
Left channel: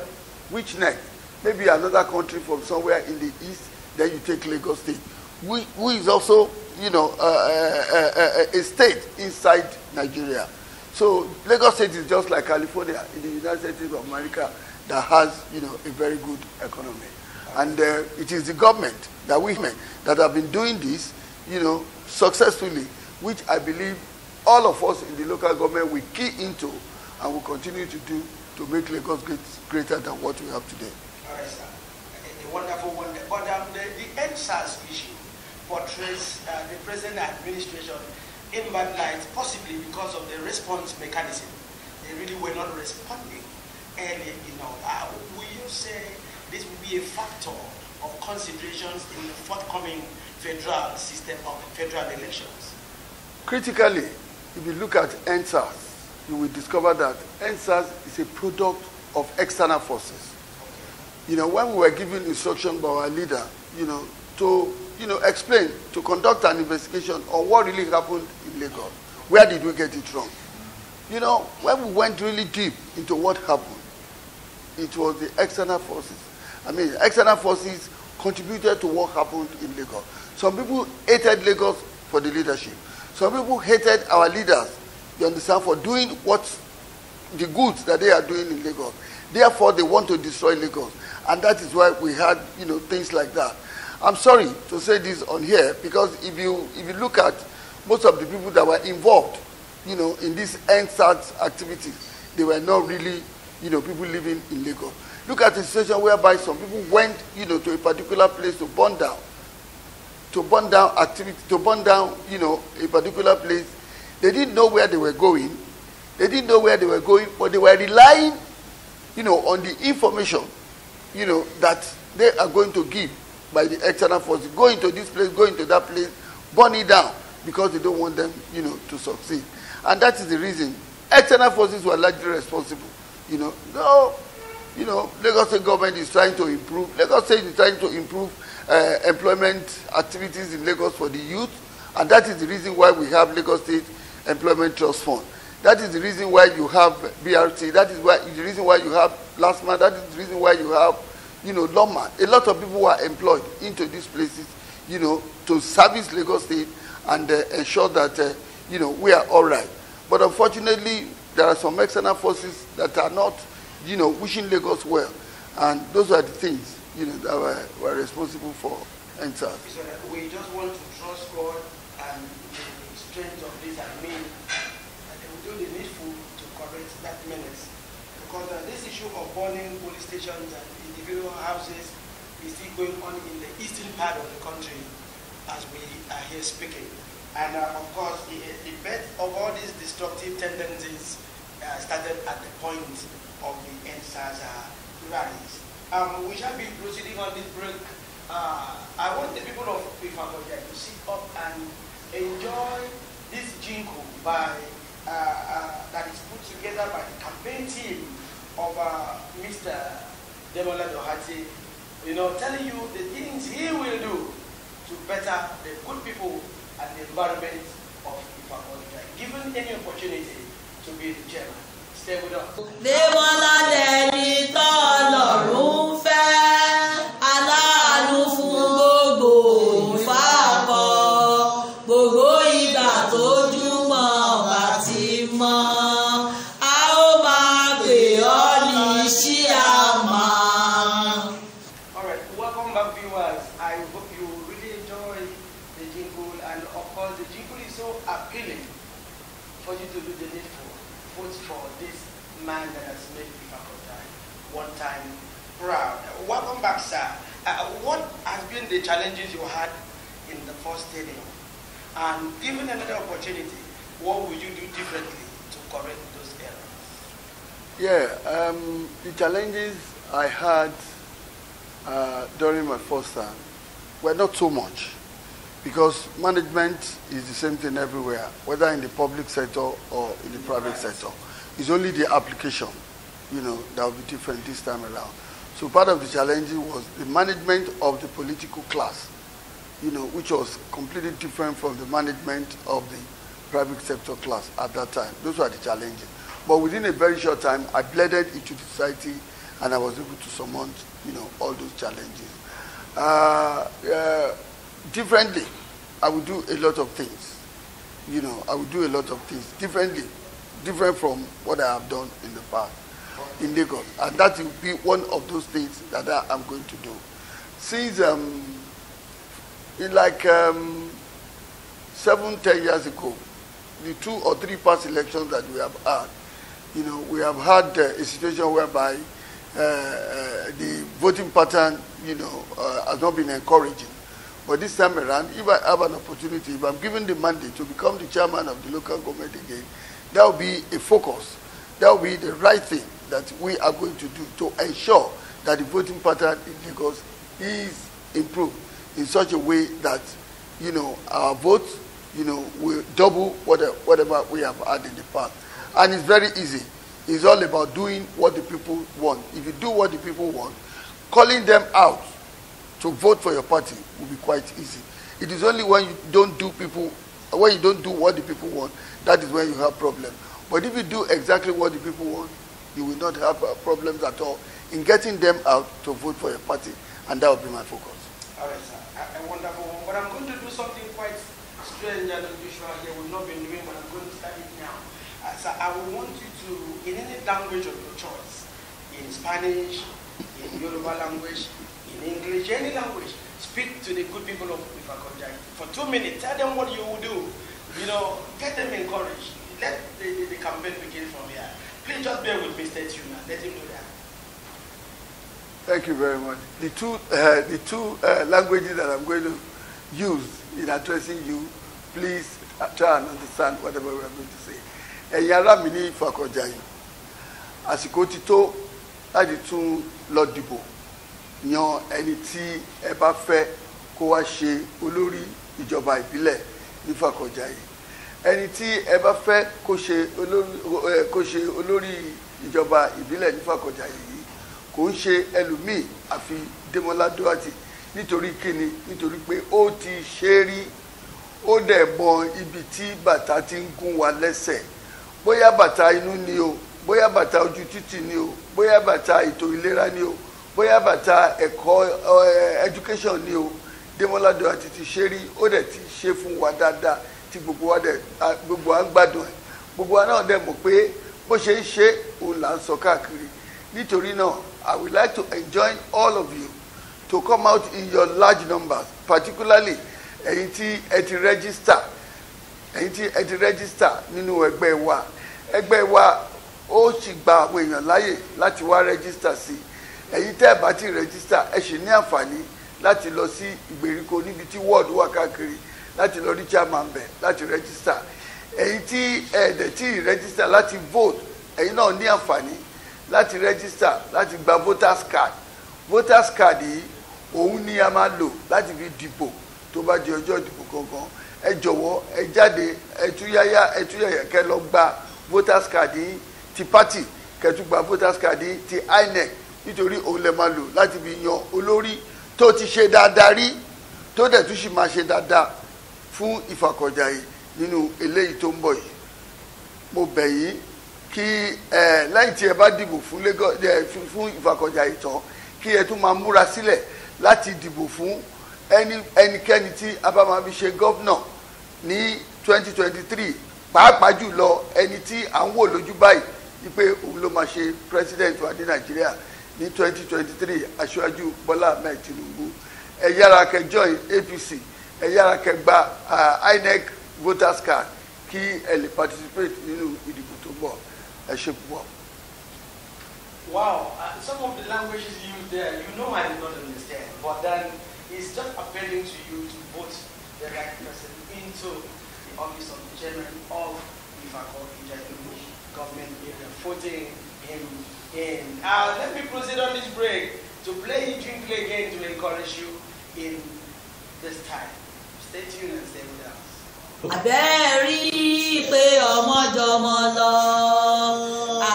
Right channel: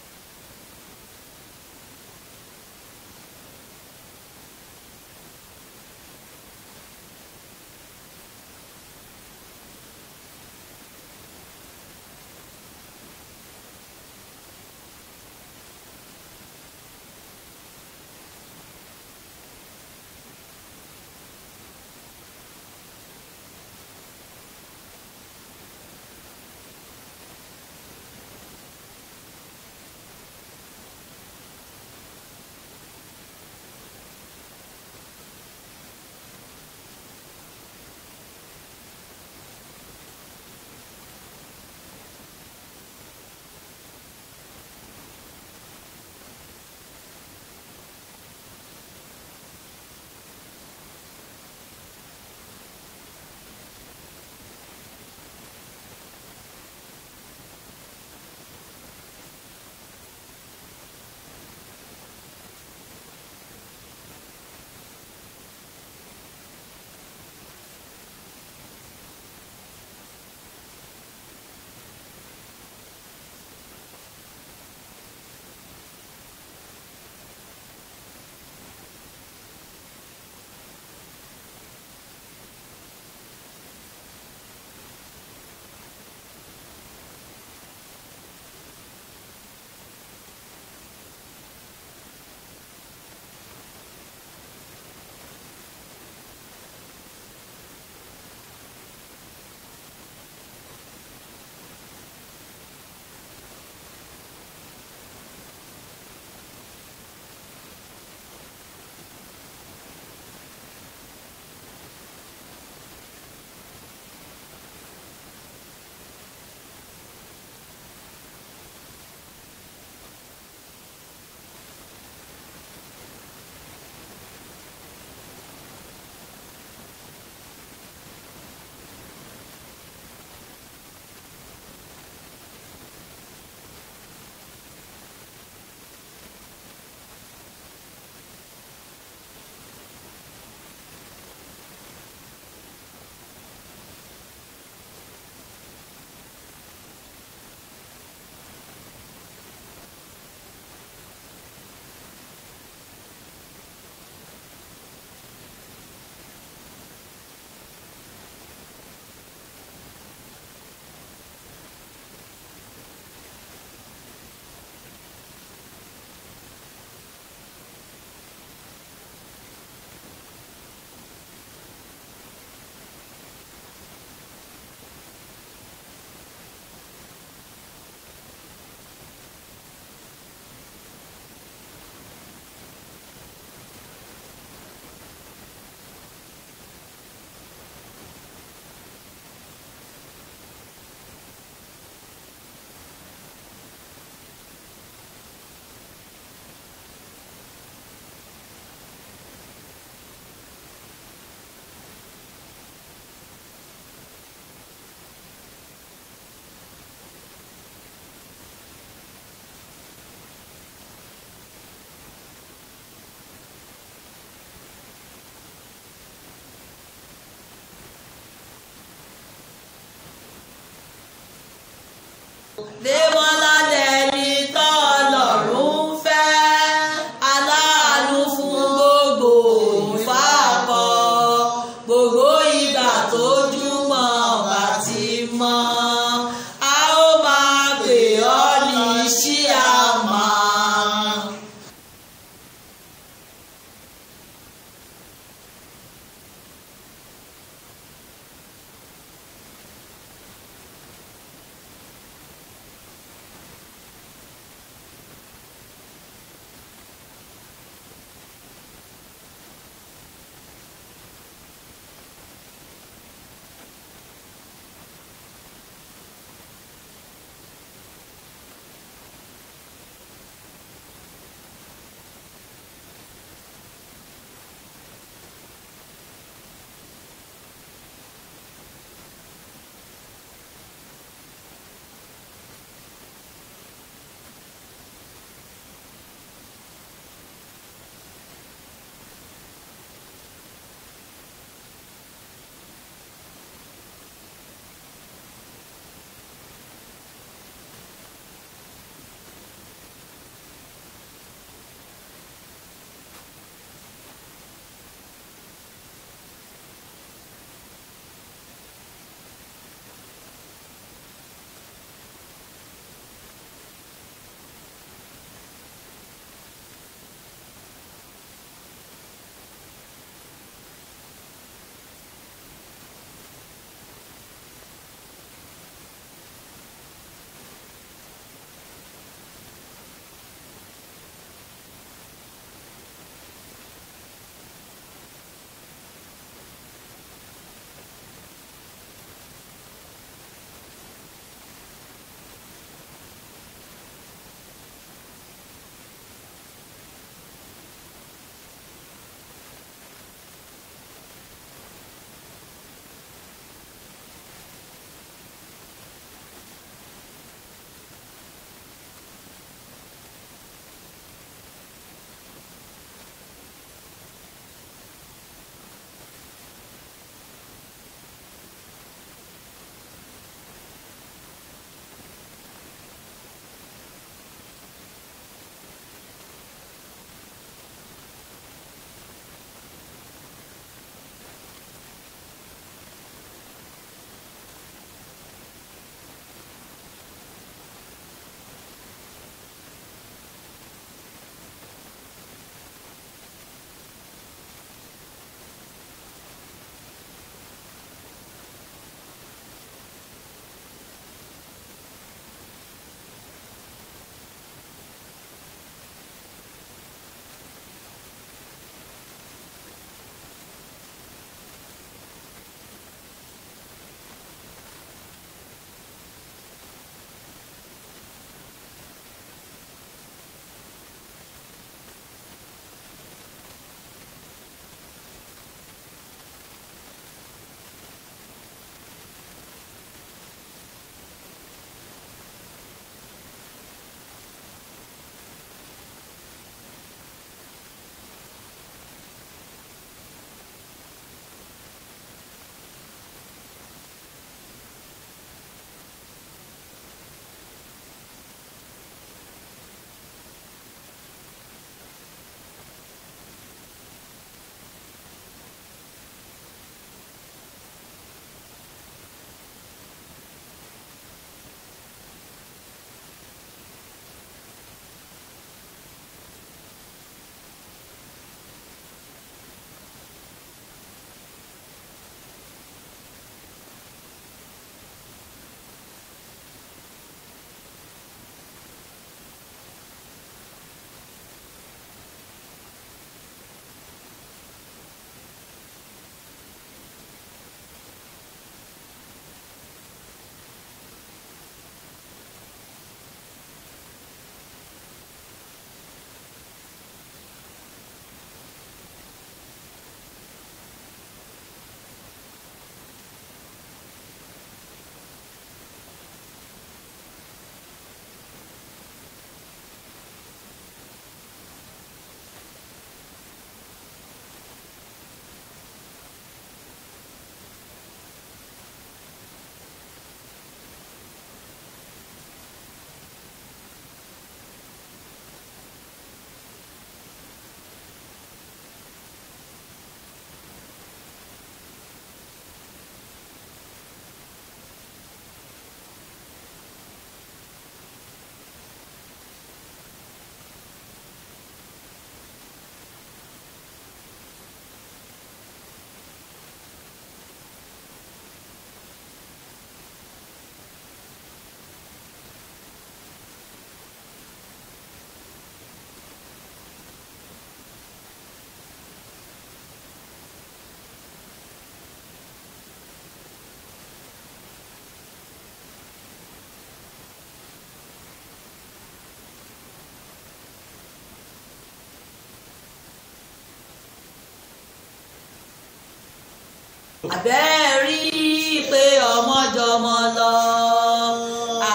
which next? Maybe another country from somewhere in the east, then you take Lagos State, who is also, a state inside Nigeria. So Lagos State is just like California in the United States of America that has, a very good economy. And it is the government, the women that have been doing this, successfully, which I believe all of us in the local government will key into and will continue to do to make Lagos greater than what we have today. All right, sir. A wonderful one. But the NSAS issue portrays the present administration in bad light, possibly because of the response mechanism. They really were not responding early enough. Will you say this will be a factor of considerations in the forthcoming federal system of federal elections? Critically, if you look at NSAS, you will discover that NSAS is a product of external forces. When we were given instruction by our leader, to explain, to conduct an investigation on what really happened in Lagos, where did we get it wrong? When we went really deep into what happened, it was the external forces. External forces contributed to what happened in Lagos. Some people hated Lagos for the leadership. Some people hated our leaders, you understand, for doing the goods that they are doing in Lagos. Therefore, they want to destroy Lagos. And that is why we had, things like that. I'm sorry to say this on here, because if you look at most of the people that were involved, in these NSAS activities, they were not really, people living in Lagos. Look at the situation whereby some people went, to a particular place to burn down. A particular place. They didn't know where they were going. But they were relying, on the information, that they are going to give by the external forces. Go into this place, go into that place, burn it down, because they don't want them, to succeed. And that is the reason external forces were largely responsible. Lagos State government is trying to improve. Lagos State is trying to improve. employment activities in Lagos for the youth, and that is the reason why we have Lagos State Employment Trust Fund. That is the reason why you have BRT. That is the reason why you have Plasma. That is the reason why you have, Loma. A lot of people were employed into these places, to service Lagos State and ensure that, we are all right. But unfortunately, there are some external forces that are not, wishing Lagos well. And those are the things, that were responsible for EndSARS. So we just want to trust God and the strength of this and we do the needful to correct that menace. Because this issue of burning police stations and individual houses is still going on in the eastern part of the country as we are here speaking. And of course, the birth of all these destructive tendencies started at the point of the EndSARS rallies. We shall be proceeding on this break. I want the people of Ifakoja to sit up and enjoy this jingle that is put together by the campaign team of Mr. Demola Dorherty, telling you the things he will do to better the good people and the environment of Ifakoja, given any opportunity to be the chairman. Stay with us. Demola dẹni tọ́lọ́run fẹ́, aláàánú fún gbogbo ìfàkọ́, gbogbo ìgbà tójúmọ́ bá ti mọ́, a ó máa pè ọ́ ní ṣíàmà. All right, welcome back, viewers. I hope you really enjoy the jingle, and of course, the jingle is so appealing for you to do the needful, both for this man that has made Ifakoja one time proud. Welcome back, sir. What has been the challenges you had in the first stadium? And given another opportunity, what would you do differently to correct those errors? Yeah, the challenges I had during my first time were not so much, because management is the same thing everywhere, whether in the public sector or in the private sector. It's only the application, that will be different this time around. So part of the challenge was the management of the political class, which was completely different from the management of the private sector class at that time. Those were the challenges. But within a very short time, I blended into the society, and I was able to surmount, all those challenges. Differently, I would do a lot of things. I would do a lot of things differently, different from what I have done in the past in Lagos. And that will be one of those things that I'm going to do. Since, in like 7-10 years ago, the 2 or 3 past elections that we have had, we have had a situation whereby the voting pattern, has not been encouraging. But this time around, if I have an opportunity, if I'm given the mandate to become the chairman of the local government again, that will be a focus. That will be the right thing that we are going to do to ensure that the voting pattern in Lagos is improved in such a way that, our votes, will double whatever we have had in the past. And it's very easy. It's all about doing what the people want. If you do what the people want, calling them out to vote for your party will be quite easy. It is only when you don't do what the people want, that is when you have problems. But if you do exactly what the people want, you will not have problems at all in getting them out to vote for your party, and that will be my focus. All right, sir. Wonderful. But I'm going to do something quite strange and unusual here. We've not been doing, but I'm going to start it now. So I will want you to, in any language of your choice, in Spanish, in Yoruba language, in English, any language, speak to the good people of Ifakoja for 2 minutes. Tell them what you will do. Get them encouraged. Let the campaign begin from here. Please just bear with Mr. Tuna. Let him know that. Thank you very much. The two languages that I'm going to use in addressing you, please try and understand whatever we are going to say. Ẹ̀yin ará mi ní Ifakoja yìí, àsìkò ti tó láti tún lọ dìbò yan ẹni tí ẹ bá fẹ́ kó wá ṣe olórí ìjọba ìbílẹ̀ ní Ifakoja yìí. Ẹni tí ẹ bá fẹ́ kó ṣe olórí ìjọba ìbílẹ̀ ní Ifakoja yìí kò ń ṣe ẹlòmíì àfi Demola Dorherty nítorí kíni nítorí pé ó ti ṣe rí ó dẹ̀ mọ ibi tí bàtà ti ń gún wa lẹ́sẹ̀ bóyá bàtà inú ni o bóyá bàtà ojú títì ni o bóyá bàtà ètò ìlera ni o bóyá bàtà ẹ̀kọ́ education ni o Demola Dorherty ti ṣe rí ó dẹ̀ ti ṣe fún wa dáadáa tí gbogbo wa ń gbádùn ẹ̀ gbogbo wa náà dẹ̀ mọ̀ pé bó ṣe ń ṣe òun là ń sọ káàkiri nítorí náà I would like to enjoin all of you to come out in your large numbers, particularly ẹ̀yin tí ẹ ti register nínú ẹgbẹ́ wa ó sì gba àwọn èèyàn láyè láti wá register sí ẹ̀yin tẹ́ ẹ bá ti register ẹ sì ní àǹfààní láti lọ sí ìgbèríko níbi tí ward wà káàkiri láti lọ rí chairman bẹ̀ láti register ẹ̀yin tí ẹ dẹ̀ tí register láti vote ẹ̀yin náà ní àǹfààní láti register láti gba voters card yìí òun ni a máa lò láti fi dìbò tó bá di ọjọ́ ìdìbò gangan ẹ jọ̀wọ́ ẹ jáde ẹ túyáyá kẹ́ lọ gba voters card yìí ti party kẹ́tù gba voters card yìí ti INEC nítorí òun lè máa lò láti fi yan olórí tó ti ṣe dáadáa rí tó dẹ̀ tún sì máa ṣe dáadáa fún Ìfàkọ̀jàyè nínú eléyìí tó ń bọ̀ yìí mo bẹ̀ yín kí lẹ́yìn tí ẹ bá dìbò fún Ìfàkọ̀jàyè tán kí ẹ tún máa múra sílẹ̀ láti dìbò fún ẹnikẹ́ni tí a bá máa fi ṣe gọ́vnà ní 2023 pàápàá jùlọ ẹni tí à ń wò lójú báyìí wípé òun ló máa ṣe president wa ní Nàìjíríà ní 2023 aṣáájú Bọ́lá Ahmed Tinubu ẹ yára kẹ́ join APC ẹ yára kẹ́ gba INEC voters card kí ẹ lè participate nínú ìdìbò tó ń bọ̀ ẹ ṣe púpọ̀. Wow, some of the languages used there, you know I did not understand, but then it's just appealing to you to vote the right person into the office of the chairman of the Ìfàkọ̀jàyè government area, voting him in. Let me proceed on this break to play Jingle again to encourage you in this time. Stay tuned and stay with us. Àbẹ́ rí pé ọmọ jọmọ lọ,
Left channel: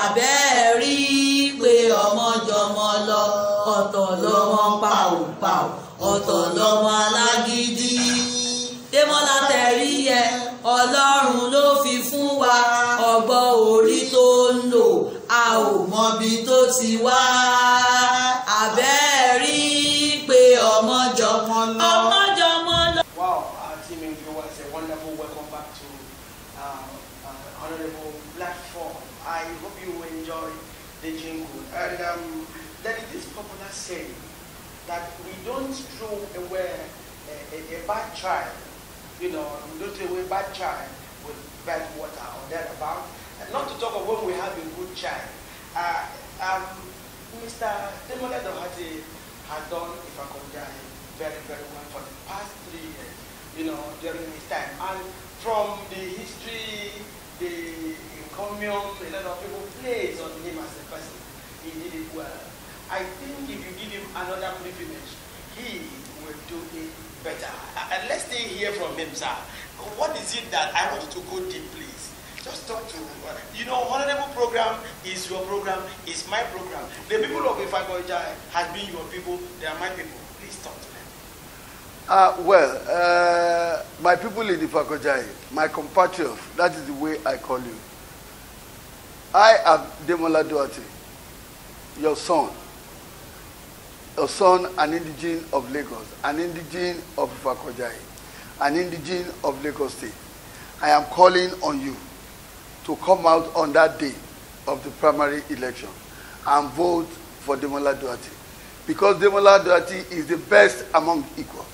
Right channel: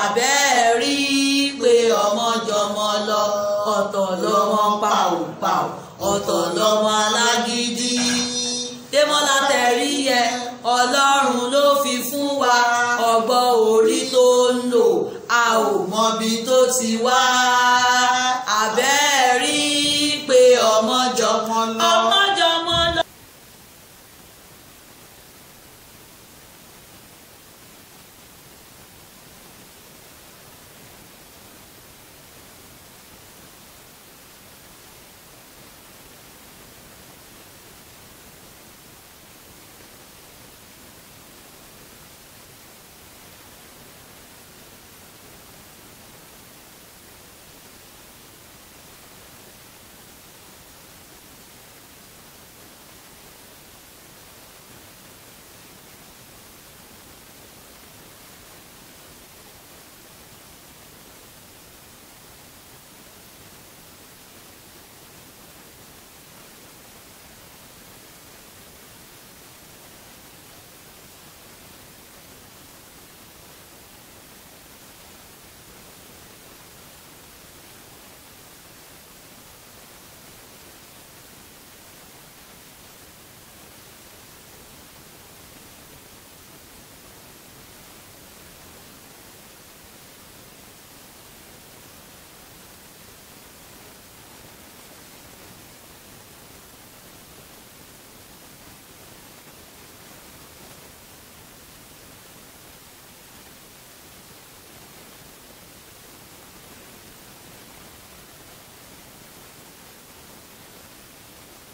àbẹ́ rí pé ọmọ jọmọ lọ, ọ̀tọ̀ lọ́mọ pàùpàù, ọ̀tọ̀ lọ́mọ alágídí. Demola tẹ̀rí yẹ, Ọlọ́run ló fi fún wa, ọgbọ́n orí tó ń lò, a ò mọbi tó ti wá. Àbẹ́ rí pé ọmọ jọmọ lọ. Bad child, you know, we don't throw away bad child with bad water or thereabout. And not to talk of when we have a good child. Mr. Demola Dorherty has done Ìfàkọ̀jàyè very, very well for the past 3 years, you know, during his time. And from the history, the encomium, a lot of people praise on him as a person. He did it well. I think if you give him another privilege, he will do it better. And let's stay here from him, sir. What is it that I want you to go deep, please? Just talk to, you know, Honorable program is your program, is my program. The people of Ìfàkọ̀jàyè has been your people, they are my people. Please talk to them. My people in Ìfàkọ̀jàyè, my compatriots, that is the way I call you. I am Demola Dorherty, your son, an indigene of Lagos, an indigene of Ìfàkọ̀jàyè, an indigene of Lagos State. I am calling on you to come out on that day of the primary election and vote for Demola Dorherty, because Demola Dorherty is the best among equals.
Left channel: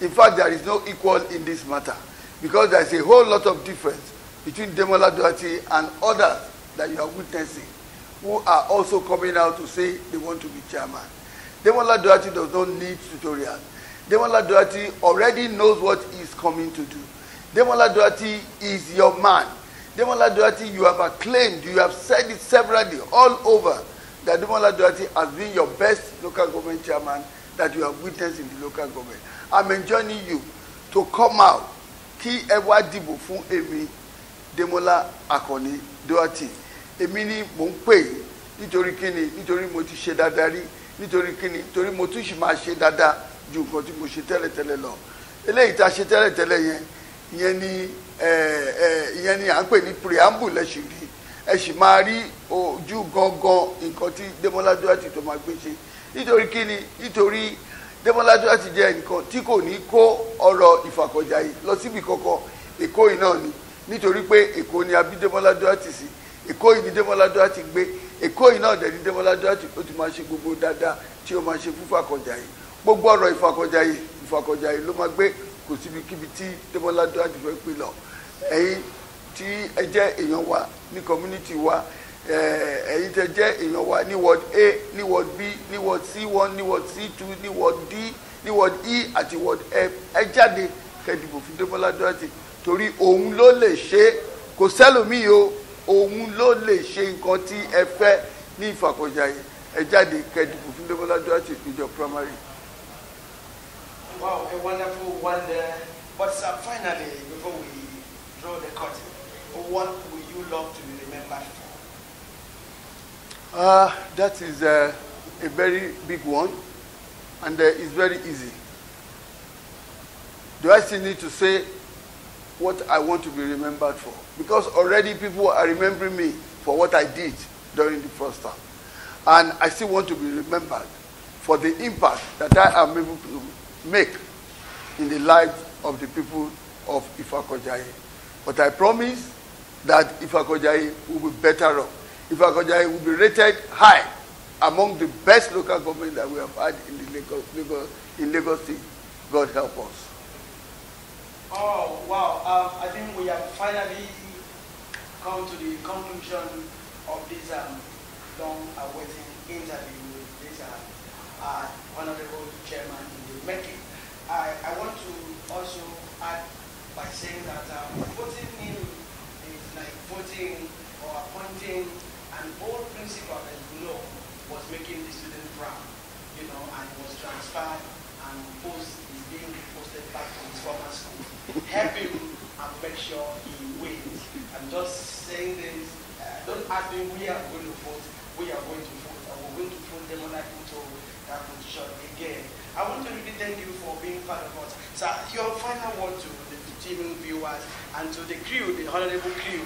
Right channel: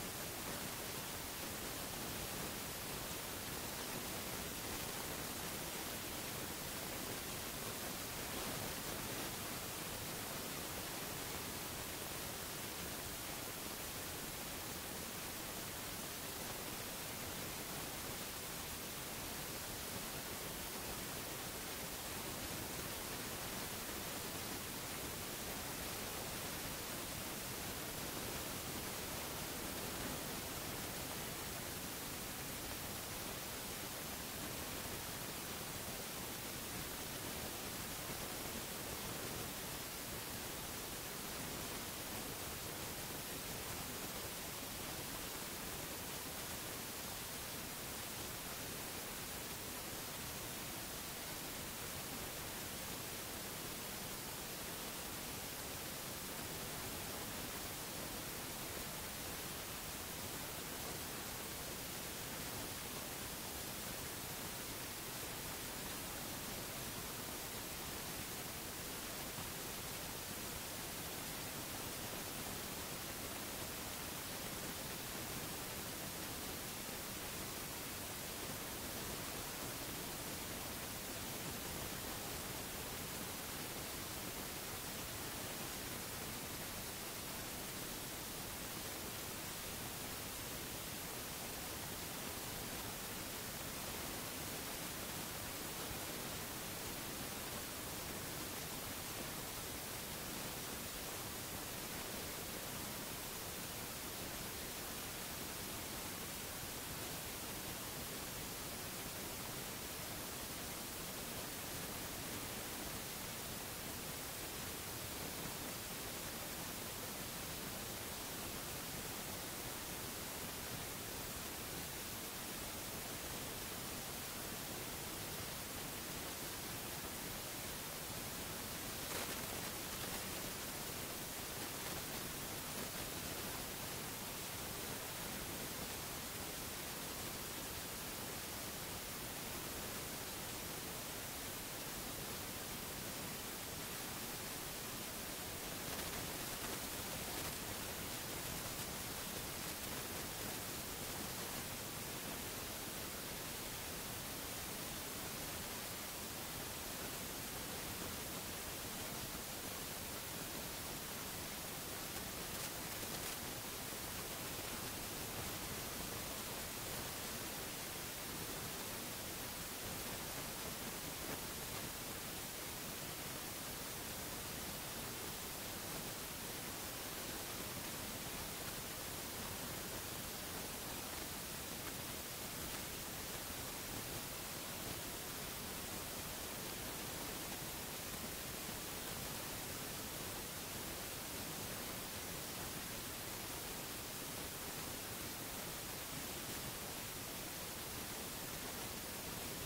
In fact, there is no equal in this matter, because there is a whole lot of difference between Demola Dorherty and others that you are witnessing, who are also coming out to say they want to be chairman. Demola Dorherty does not need tutorials. Demola Dorherty already knows what he is coming to do. Demola Dorherty is your man. Demola Dorherty, you have acclaimed, you have said it severally all over, that Demola Dorherty has been your best local government chairman that you have witnessed in the local government. I'm enjoining you to come out. Kí ẹ wá dìbò fún èmi, Demola Akànnì Dorherty. Èmi ni mò ń pè nítorí kíni, nítorí mo ti ṣe dáadáa rí, nítorí kíni, nítorí mo tún ṣì máa ṣe dáadáa ju nǹkan tí mo ṣe tẹ́lẹ̀tẹ́lẹ̀ lọ eléyìí tá a ṣe tẹ́lẹ̀tẹ́lẹ̀ yẹn ìyẹn ni à ń pè ní preamble ẹ sì rí ẹ sì máa rí ojú gangan nǹkan tí Demola Dorherty tó máa gbé ṣe nítorí kíni nítorí Demola Dorherty jẹ́ nǹkan tí kò ní kó ọ̀rọ̀ ìfàkọ̀jayé lọ síbi kankan Èkó yìí náà ni nítorí pé Èkó ni a bí Demola Dorherty sí Èkó yìí ni Demola Dorherty gbé Èkó yìí náà dẹ̀ ni Demola Dorherty ó ti máa ṣe gbogbo dáadáa tí ó máa ṣe fún ìfàkọ̀jayé gbogbo ọ̀rọ̀ ìfàkọ̀jayé ló máa gbé kò síbikíbi tí Demola Dorherty fẹ́ pè lọ ẹ̀yin tí ẹ jẹ́ èèyàn wa ní community wa ẹ̀yin tẹ́ jẹ́ èèyàn wa ní ward A ní ward B ní ward C1 ní ward C2 ní ward D ní ward E àti ward F ẹ jáde kẹ́ dìbò fún Demola Dorherty torí òun ló lè ṣe kò sẹ́lòmíì o òun ló lè ṣe nǹkan tí ẹ fẹ́ ní ìfàkọ̀jayé ẹ jáde kẹ́ dìbò fún Demola Dorherty ìjọ primary. Wow, a wonderful wonder. But finally, before we draw the curtain, what would you love to be remembered for? That is a very big one, and it's very easy. Do I still need to say what I want to be remembered for? Because already people are remembering me for what I did during the first term. And I still want to be remembered for the impact that I am able to make in the lives of the people of Ifako-Jaye. But I promise that Ifako-Jaye will be better off. Ifako-Jaye will be rated high among the best local government that we have had in Lagos State. God help us. Oh, wow. I think we have finally come to the conclusion of this long-awaited interview with this honorable chairman making. I want to also add by saying that voting in is like voting or appointing an old principal that you know was making the student proud, you know, and was transferred and is being posted back to his former school. Help him and make sure he wins. I'm just saying this. Don't ask me we are going to vote. We are going to vote. And we're going to vote Demola into that position again. I want to really thank you for being part of us. So your final word to the TV viewers and to the crew, the honorable crew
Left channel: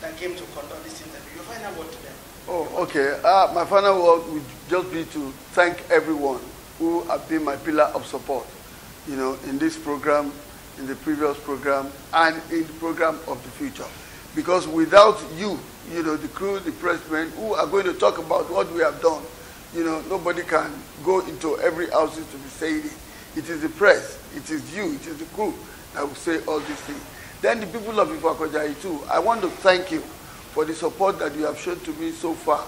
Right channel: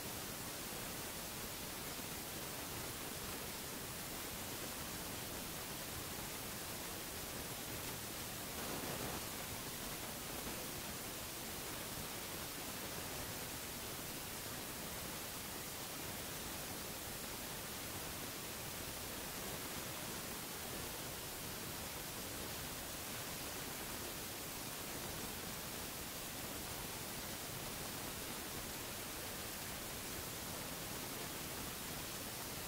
that came to conduct this interview. Your final word to them. Oh, okay. My final word would just be to thank everyone who have been my pillar of support, you know, in this program, in the previous program, and in the program of the future. Because without you, you know, the crew, the pressmen, who are going to talk about what we have done, you know, nobody can go into every house to be saying it. It is the press, it is you, it is the crew that will say all these things. Then the people of Ifako-Jaye too, I want to thank you for the support that you have shown to me so far.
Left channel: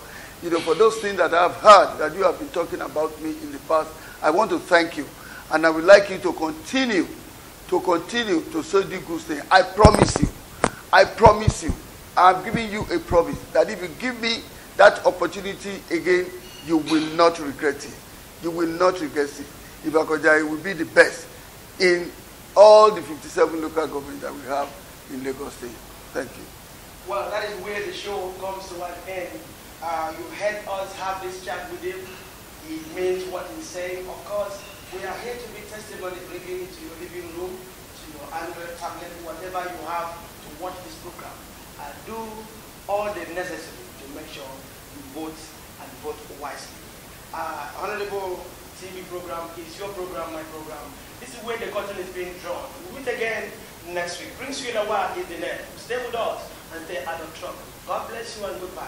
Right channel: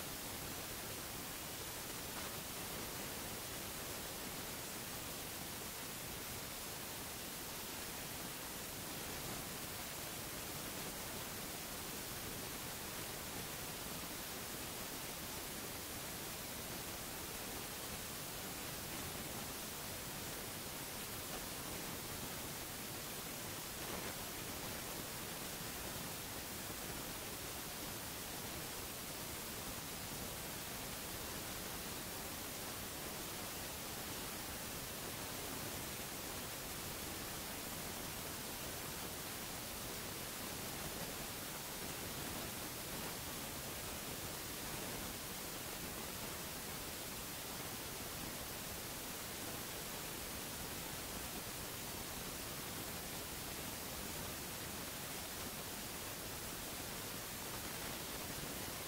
You know, for those things that I have heard that you have been talking about me in the past, I want to thank you. And I would like you to continue to say the good thing. I promise you, I'm giving you a promise that if you give me that opportunity again, you will not regret it. You will not regret it. Ifako-Jaye will be the best in all the 57 local governments that we have in Lagos State. Thank you. Well, that is where the show comes to an end. You heard us have this chat with him. He means what he's saying. Of course, we are here to be testimony, bringing to your living room, to your Android tablet, whatever you have to watch this program. And do all the necessary to make sure you vote and vote wisely. Honorable TV program is your program, my program. This is where the curtain is being drawn. We'll meet again next week. Bring you in a while in the net. Stay with us and stay out of trouble. God bless you and goodbye.